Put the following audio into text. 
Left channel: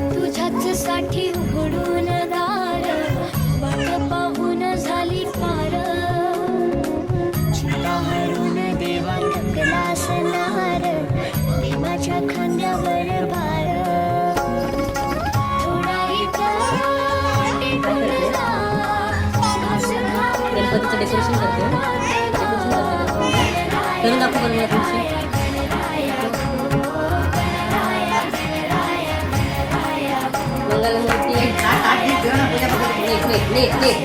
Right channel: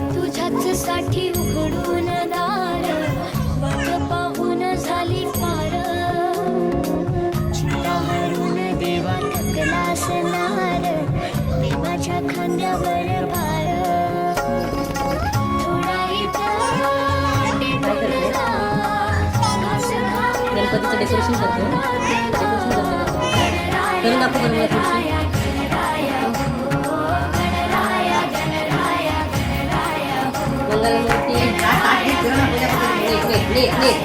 तुझ्याच साठी उघडून दार, वाट पाहून झाली पार. चिंता हरून देवा थकला असणार, मी माझ्या खांद्यावर भार. थोडा गणपतीचं डेकोरेशन करते. डेकोरेशन करते करून दाखव बरं मला थोडीशी. मंगलमूर्ती नीट नीट नीट नीट